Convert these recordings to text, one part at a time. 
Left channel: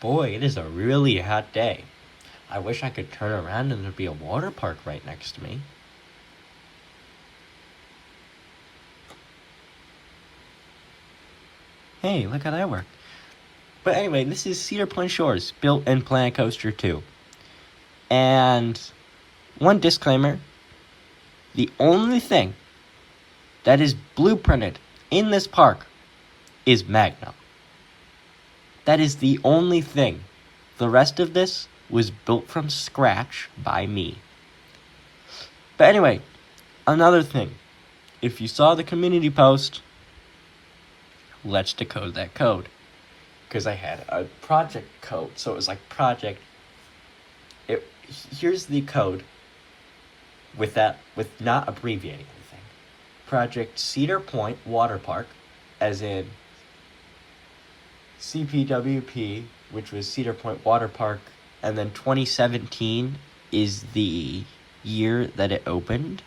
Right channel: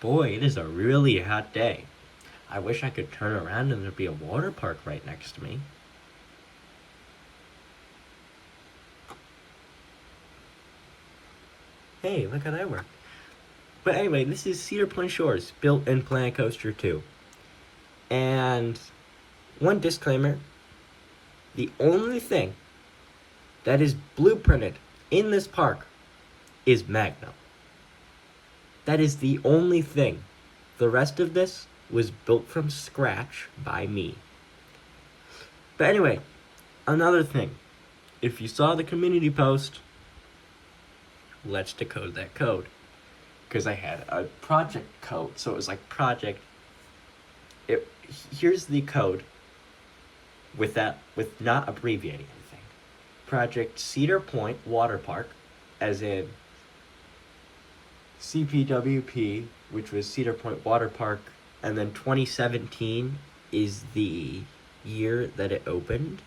Boy, it is a really hot day. I wish I could turn around and there'd be a water park right next to me. Hey, look how that worked. But anyway, this is Cedar Point Shores, built in Planet Coaster 2. And one disclaimer, the only thing that is blueprinted in this park is Magnum. That is the only thing. The rest of this was built from scratch by me. But anyway, another thing. If you saw the community post, let's decode that code. Because I had a project code. So it was like project. Here's the code with not abbreviating anything. Project Cedar Point Water Park, as in CPWP, which was Cedar Point Water Park, and then 2017 is the year that it opened.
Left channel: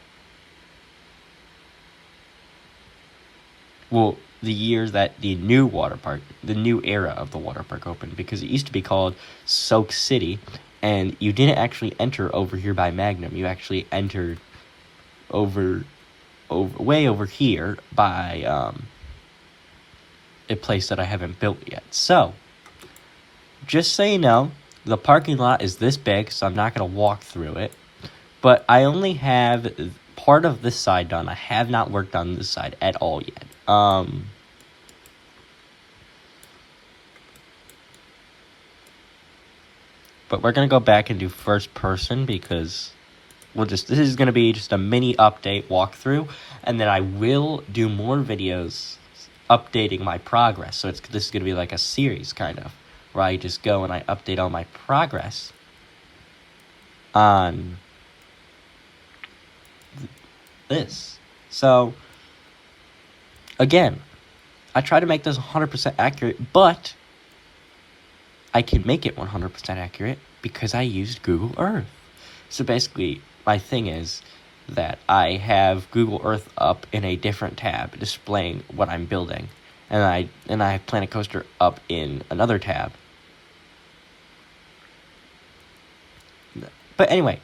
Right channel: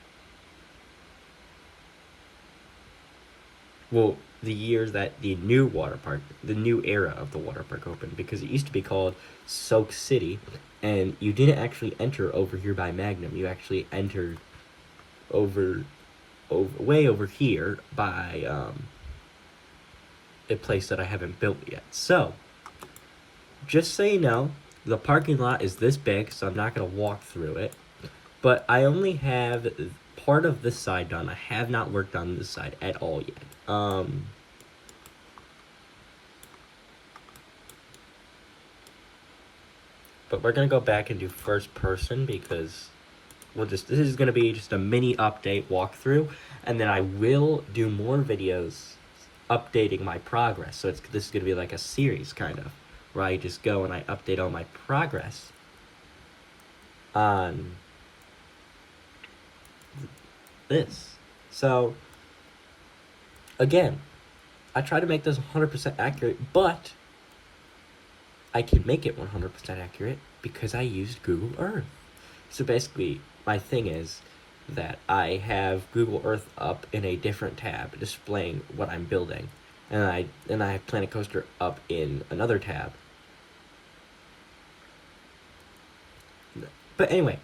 Well, the year that the new water park, the new era of the water park opened, because it used to be called Soak City, and you didn't actually enter over here by Magnum. You actually entered way over here by a place that I haven't built yet. So, just so you know, the parking lot is this big, so I'm not going to walk through it. But I only have part of this side done. I have not worked on this side at all yet. But we're going to go back and do first person because this is going to be just a mini update walkthrough. And then I will do more videos updating my progress. So this is going to be like a series kind of, where I just go and I update all my progress on this. So, again, I try to make this 100% accurate, but I can make it 100% accurate because I used Google Earth. So basically, my thing is that I have Google Earth up in a different tab displaying what I'm building, and I have Planet Coaster up in another tab. But anyway,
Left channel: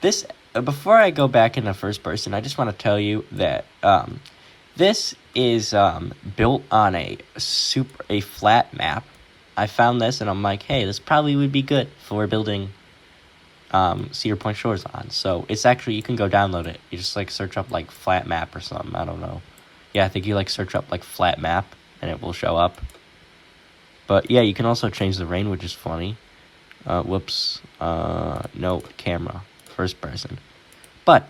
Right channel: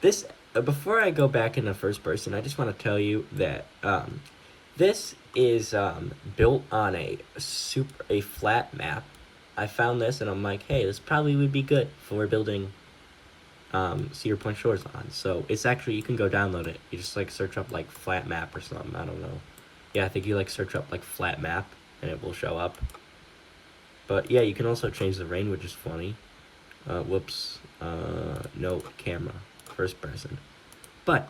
this before I go back into first person, I just want to tell you that this is built on a flat map. I found this and I'm like, hey, this probably would be good for building Cedar Point Shores on. So it's actually, you can go download it. You just like search up like flat map or something. I don't know. Yeah, I think you like search up like flat map and it will show up. But yeah, you can also change the rain, which is funny. Whoops. No, camera. First person. But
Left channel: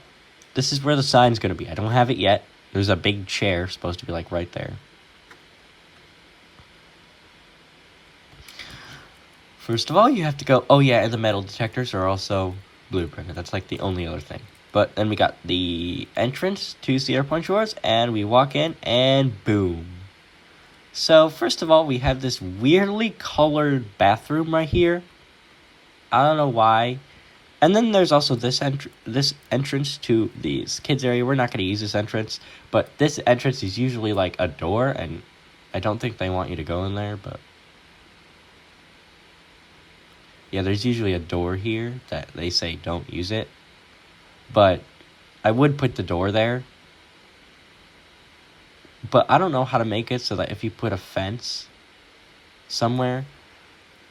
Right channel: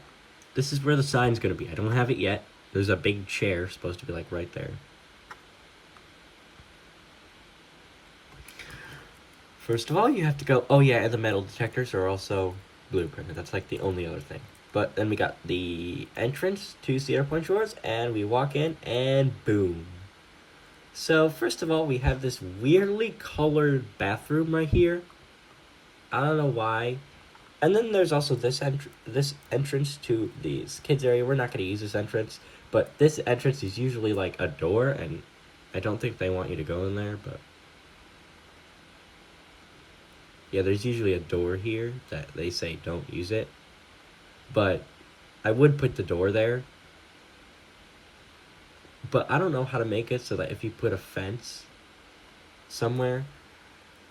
this is where the sign's going to be. I don't have it yet. There's a big chair supposed to be like right there. First of all, you have to go... Oh yeah, and the metal detectors are also blueprinted. That's like the only other thing. But then we got the entrance to Cedar Point Shores, and we walk in, and boom. So, first of all, we have this weirdly colored bathroom right here. I don't know why. And then there's also this entrance to the kids area. We're not going to use this entrance, but this entrance is usually like a door, and I don't think they want you to go in there, but... Yeah, there's usually a door here that they say don't use it. But I would put the door there. But I don't know how to make it so that if you put a fence somewhere,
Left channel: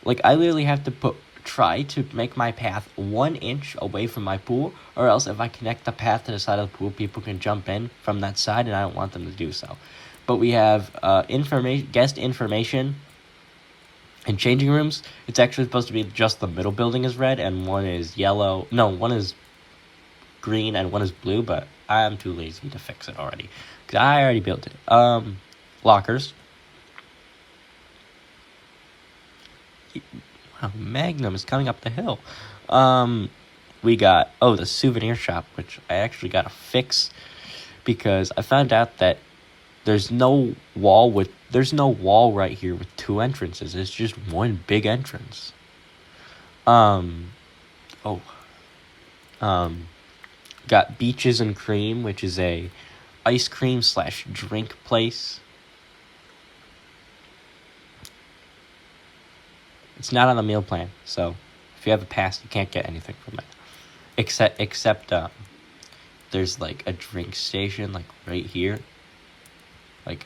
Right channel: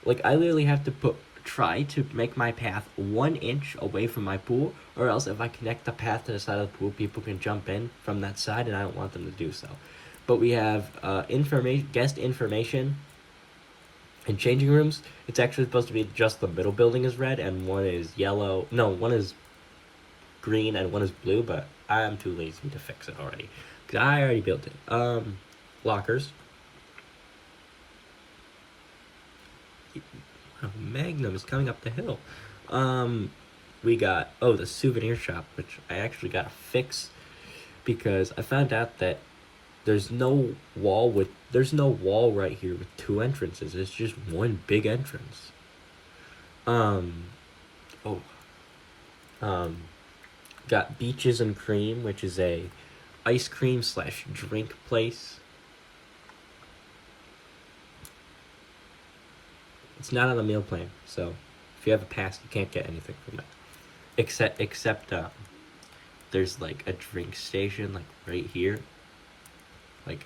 like I literally have to try to make my path 1 inch away from my pool, or else if I connect the path to the side of the pool, people can jump in from that side, and I don't want them to do so. But we have guest information and changing rooms. It's actually supposed to be just the middle building is red, and one is yellow. No, one is green and one is blue, but I'm too lazy to fix it already, because I already built it. Lockers. Wow, Magnum is coming up the hill. We got, the souvenir shop, which I actually got to fix, because I found out that there's no wall right here with 2 entrances. It's just one big entrance. Got Beaches and Cream, which is a ice cream / drink place. It's not on the meal plan, so if you have a pass, you can't get anything from it. Except there's like a drink station like right here. Like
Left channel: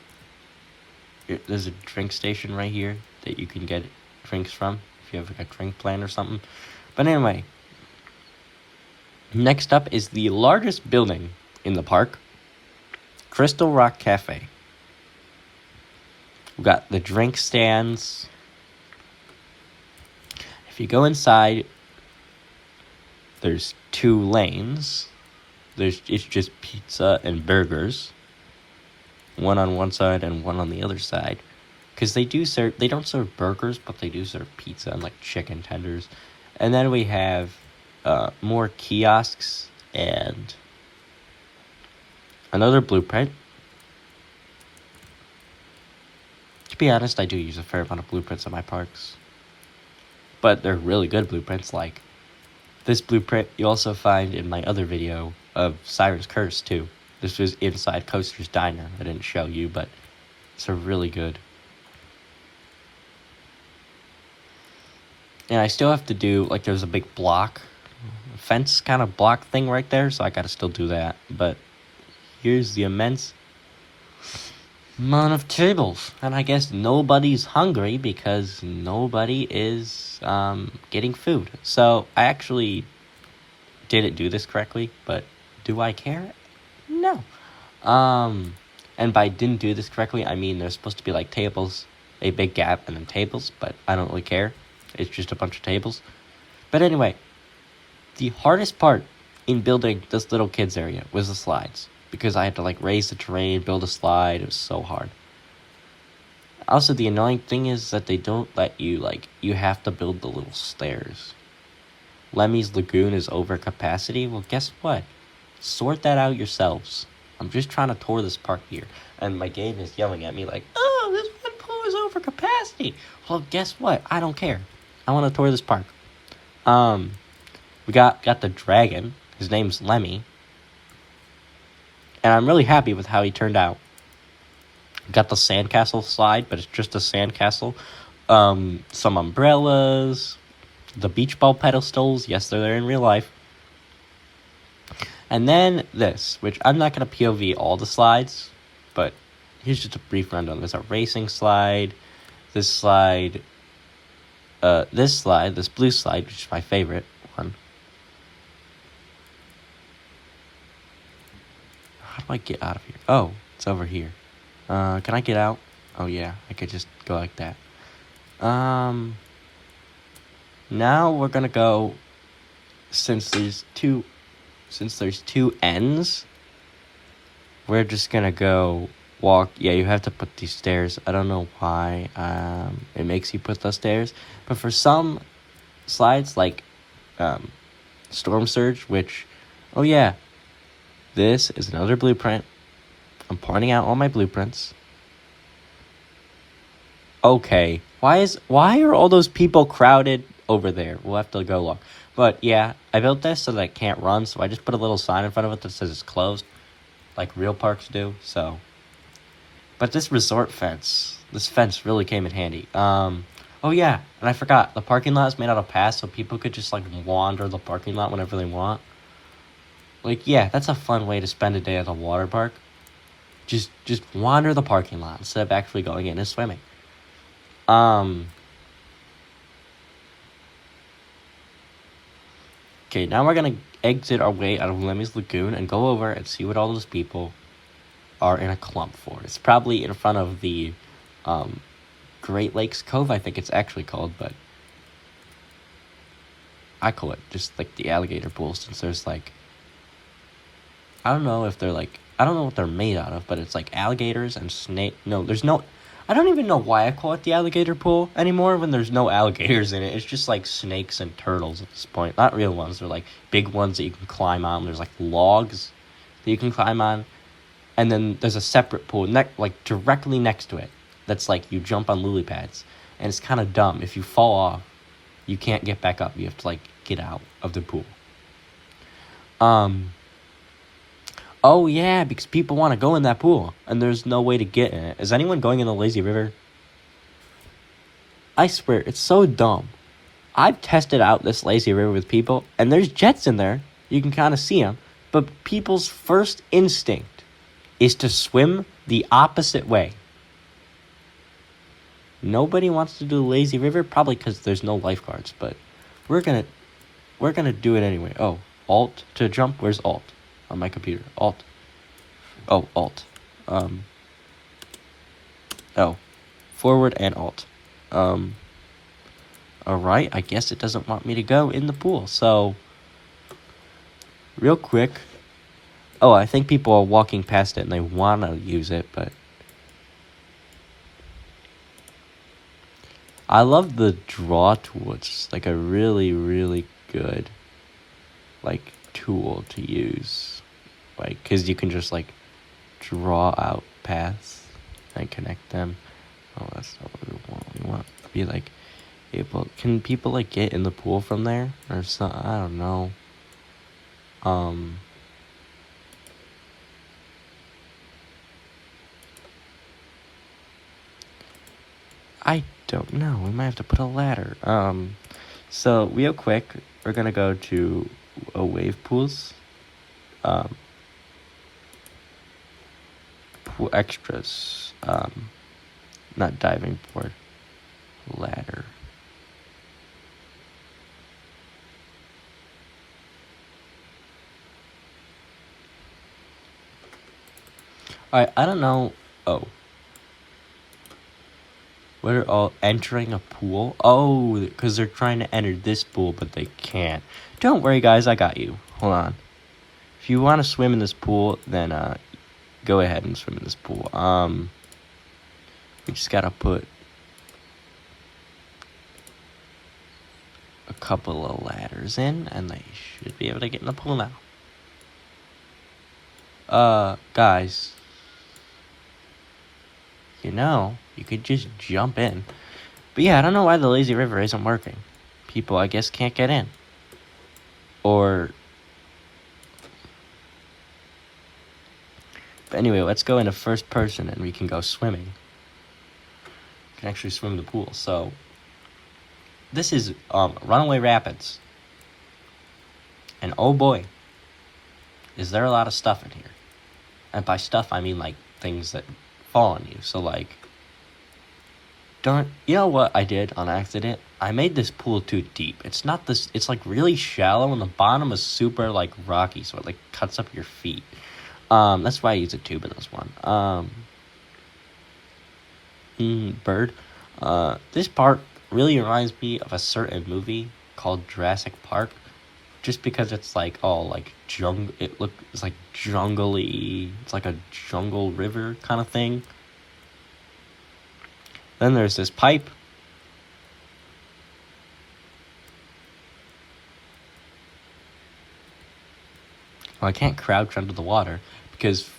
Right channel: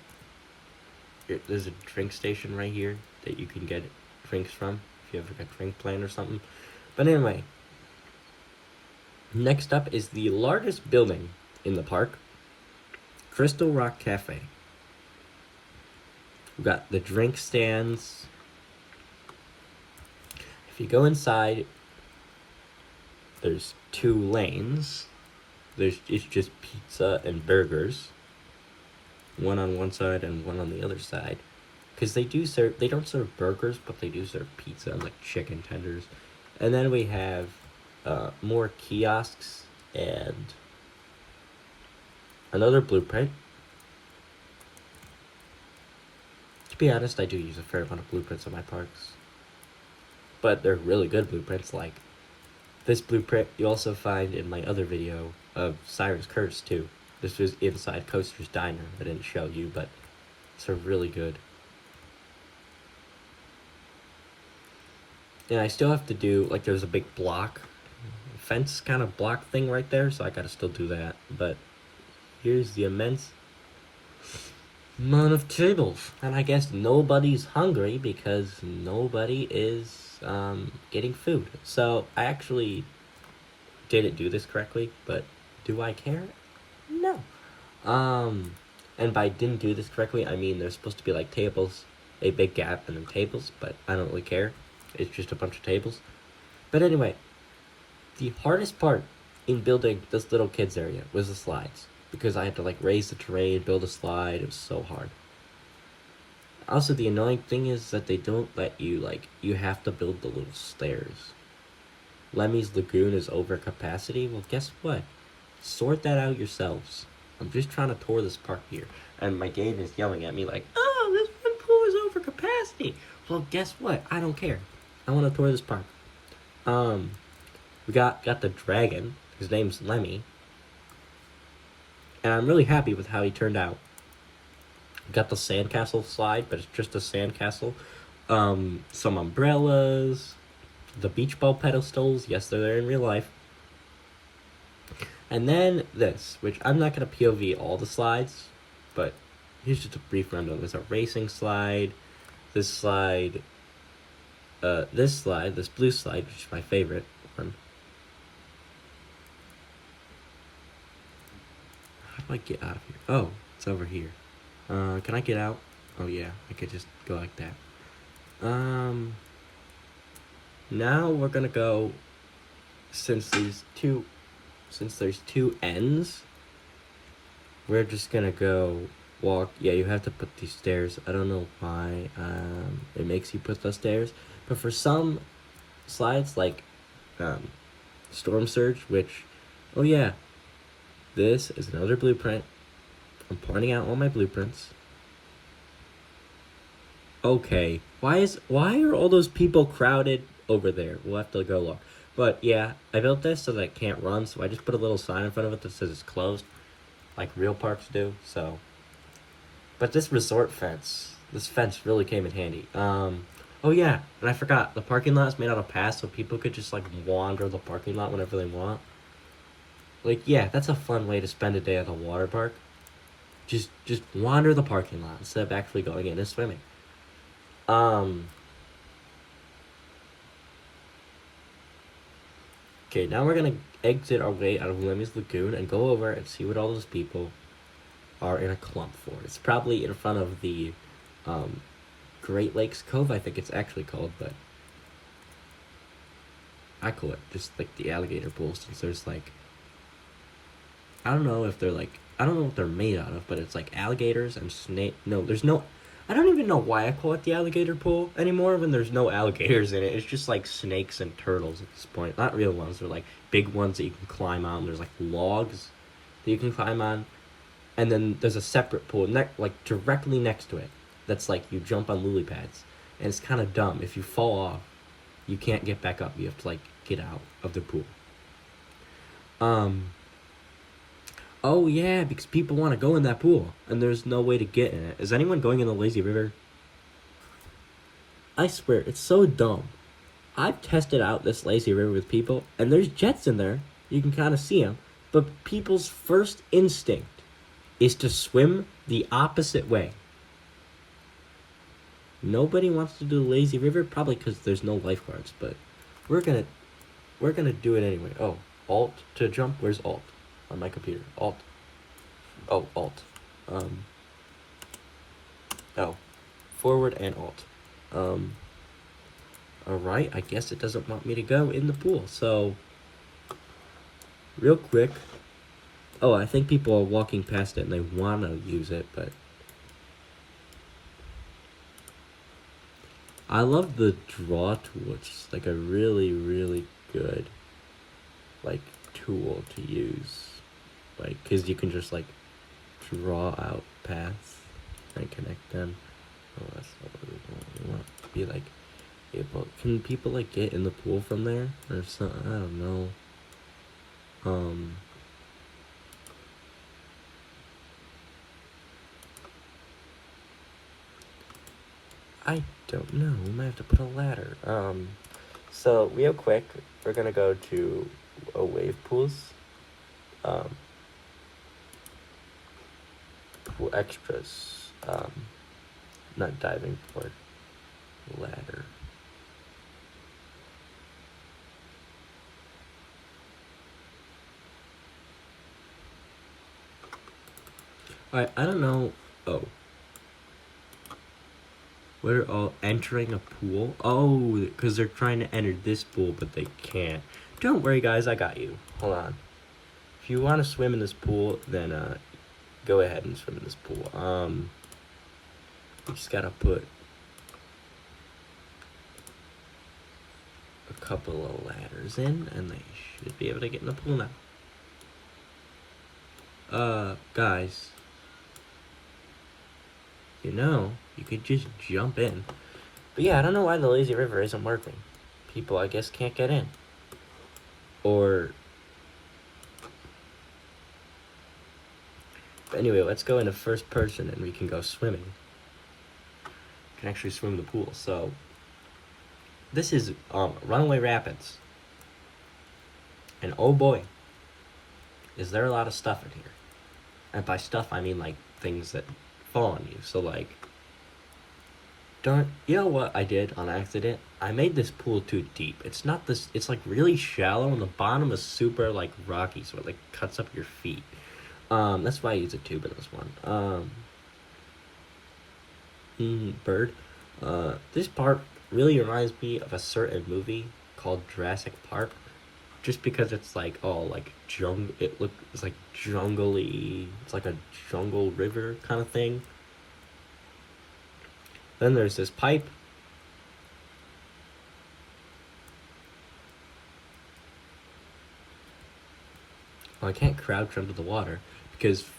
there's a drink station right here that you can get drinks from if you have like a drink plan or something. But anyway, next up is the largest building in the park, Crystal Rock Cafe. We've got the drink stands. If you go inside, there's 2 lanes. It's just pizza and burgers. One on one side and one on the other side. Because they don't serve burgers, but they do serve pizza and like chicken tenders. And then we have more kiosks and another blueprint. To be honest, I do use a fair amount of blueprints in my parks. But they're really good blueprints, like this blueprint you also find in my other video of Siren's Curse too. This was inside Coaster's Diner. I didn't show you, but it's a really good. And I still have to do, like, there's a big fence kind of block thing right there, so I gotta still do that. But here's the immense amount of tables. And I guess nobody's hungry because nobody is getting food. So I actually didn't do this correctly, but do I care? No. And by didn't do this correctly, I mean there's supposed to be like tables, a big gap, and then tables, but I don't really care. It's just a bunch of tables. But anyway, the hardest part in building this little kids area was the slides, because I had to like raise the terrain, build a slide. It was so hard. Also, the annoying thing is that they don't let you, like, you have to build the little stairs. Lemmy's Lagoon is over capacity. Well, guess what? Sort that out yourselves. I'm just trying to tour this park here, and my game is yelling at me like, oh, this one pool is over capacity. Well, guess what? I don't care. I want to tour this park. We got the dragon. His name's Lemmy. And I'm really happy with how he turned out. Got the sandcastle slide, but it's just a sandcastle. Some umbrellas. The beach ball pedestals. Yes, they're there in real life. And then this, which I'm not going to POV all the slides, but here's just a brief rundown. There's a racing slide, this blue slide, which is my favorite one. How do I get out of here? Oh, it's over here. Can I get out? Oh yeah, I could just go like that. Now we're gonna go, since there's two ends, we're just gonna go walk. Yeah, you have to put these stairs. I don't know why it makes you put those stairs, but for some slides like Storm Surge, which, oh yeah, this is another blueprint. I'm pointing out all my blueprints. Okay, why are all those people crowded over there? We'll have to go look. But yeah, I built this so that it can't run, so I just put a little sign in front of it that says it's closed, like real parks do. So, but this fence really came in handy. Oh yeah, and I forgot, the parking lot is made out of paths, so people could just like wander the parking lot whenever they want. Like, yeah, that's a fun way to spend a day at a water park. Just wander the parking lot instead of actually going in and swimming. Okay, now we're gonna exit our way out of Lemmy's Lagoon and go over and see what all those people are in a clump for. It's probably in front of the Great Lakes Cove, I think it's actually called, but I call it just like the alligator pool, since there's like, I don't know what they're made out of, but it's like alligators and I don't even know why I call it the alligator pool anymore when there's no alligators in it. It's just like snakes and turtles at this point. Not real ones. They're like big ones that you can climb on. There's like logs that you can climb on. And then there's a separate pool like directly next to it. That's like you jump on lily pads. And it's kind of dumb. If you fall off, you can't get back up. You have to like get out of the pool. Oh yeah, because people want to go in that pool, and there's no way to get in it. Is anyone going in the lazy river? I swear, it's so dumb. I've tested out this lazy river with people, and there's jets in there. You can kind of see them. But people's first instinct is to swim the opposite way. Nobody wants to do the lazy river, probably because there's no lifeguards, but we're gonna do it anyway. Oh, Alt to jump. Where's Alt on my computer? Alt. Oh, Alt. Oh, forward and Alt. Alright, I guess it doesn't want me to go in the pool, so real quick. Oh, I think people are walking past it and they want to use it, but I love the draw tool. It's just like a really, really good like tool to use, like, because you can just like draw out paths and connect them. Oh, that's not what we want. We want to be like able. Can people like get in the pool from there, or it's not? I don't know. I don't know. We might have to put a ladder. So real quick, we're gonna go to wave pools. Pool extras. Not diving board. Ladder. Alright, I don't know. Oh. What are all entering a pool? Oh, because they're trying to enter this pool, but they can't. Don't worry, guys. I got you. Hold on. If you want to swim in this pool, then go ahead and swim in this pool. You just gotta put a couple of ladders in, and they should be able to get in the pool now. Guys, you know, you could just jump in. But yeah, I don't know why the lazy river isn't working. People, I guess, can't get in. Or... But anyway, let's go into first person and we can go swimming. We can actually swim the pool. So, this is Runaway Rapids. And oh boy, is there a lot of stuff in here. And by stuff, I mean like things that fall on you. So like, you know what I did on accident? I made this pool too deep. It's not this, it's like really shallow and the bottom is super like rocky, so it like cuts up your feet. That's why I use a tube in this one. Bird. This part really reminds me of a certain movie called Jurassic Park. Just because it's like all like it's like jungly. It's like a jungle river kind of thing. Then there's this pipe. Well, I can't crouch under the water because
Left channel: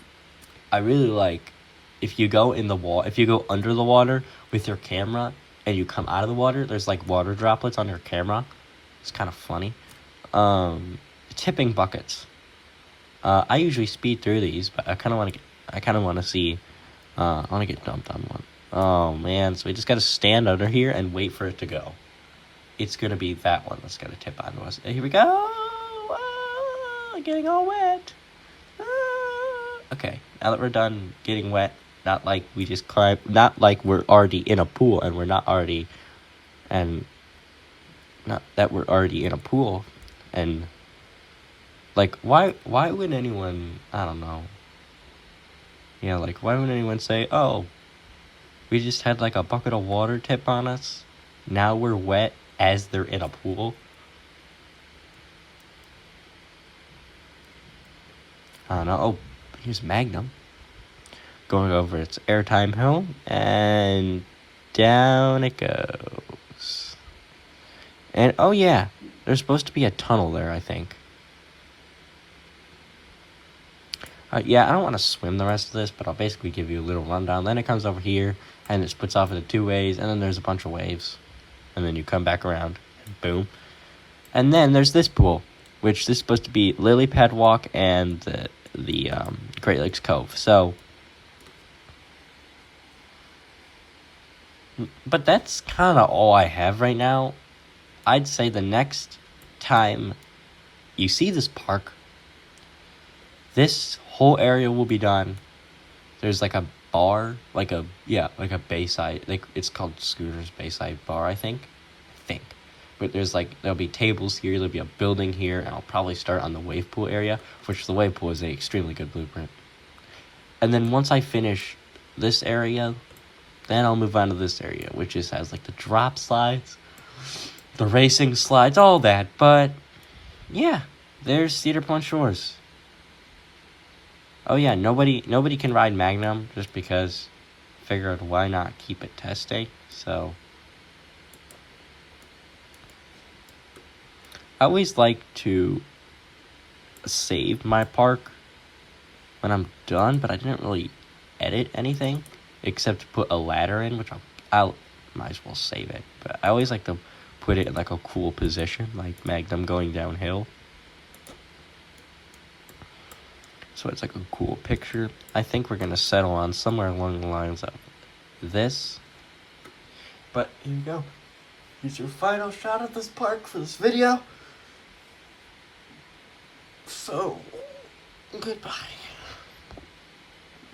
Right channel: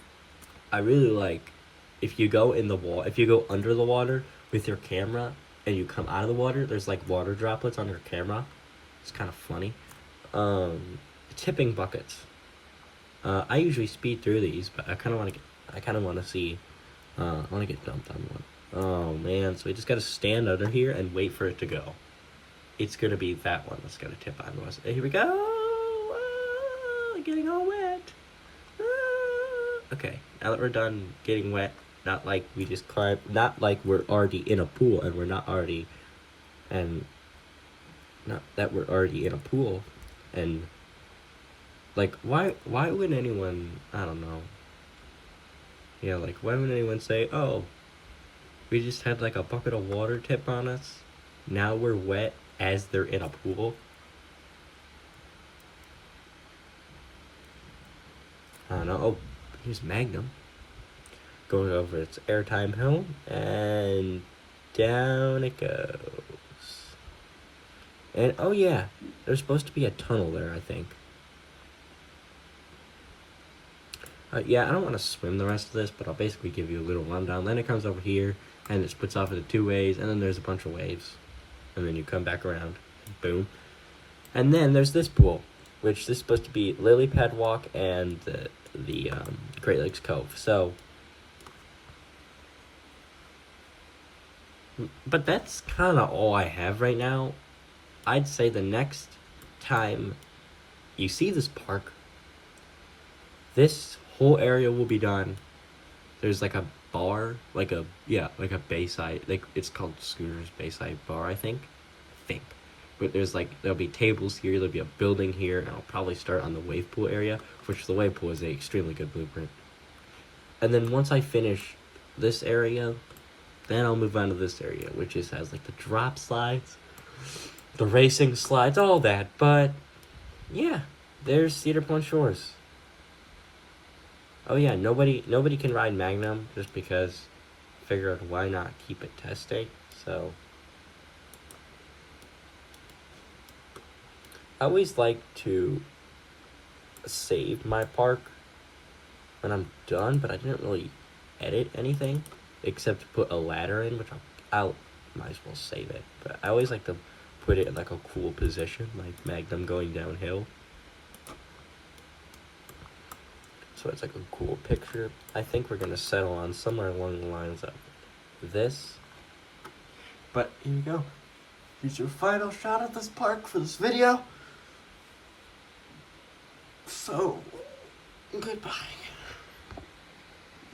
I really like if you go in the if you go under the water with your camera and you come out of the water, there's like water droplets on your camera. It's kind of funny. Tipping buckets. I usually speed through these, but I kind of want to see. I want to get dumped on one. Oh man! So we just gotta stand under here and wait for it to go. It's gonna be that one that's gonna tip onto us. Here we go. Getting all wet. Okay, now that we're done getting wet, not like we just climb, not like we're already in a pool and we're not already, and not that we're already in a pool, and like why would anyone, I don't know. Yeah, like why would anyone say, oh, we just had like a bucket of water tip on us, now we're wet as they're in a pool? I don't know. Oh, here's Magnum. Going over its airtime hill, and down it goes. And oh yeah, there's supposed to be a tunnel there, I think. Yeah, I don't want to swim the rest of this, but I'll basically give you a little rundown. Then it comes over here, and it splits off into two ways, and then there's a bunch of waves. And then you come back around. Boom. And then there's this pool, which is supposed to be Lily Pad Walk and the Great Lakes Cove. So, But that's kind of all I have right now. I'd say the next time you see this park, this whole area will be done. There's like a bar, like a Bayside, like it's called Scooter's Bayside Bar, I think. But there'll be tables here, there'll be a building here, and I'll probably start on the wave pool area, which the wave pool is an extremely good blueprint. And then once I finish this area, then I'll move on to this area, which has like the drop slides, the racing slides, all that. But yeah, there's Cedar Point Shores. Oh yeah, nobody can ride Magnum just because. Figured why not keep it test day. So I always like to save my park when I'm done, but I didn't really edit anything except to put a ladder in, which I'll might as well save it. But I always like to put it in like a cool position, like Magnum going downhill. So it's like a cool picture. I think we're gonna settle on somewhere along the lines of this. But here you go. Here's your final shot of this park for this video. So, goodbye.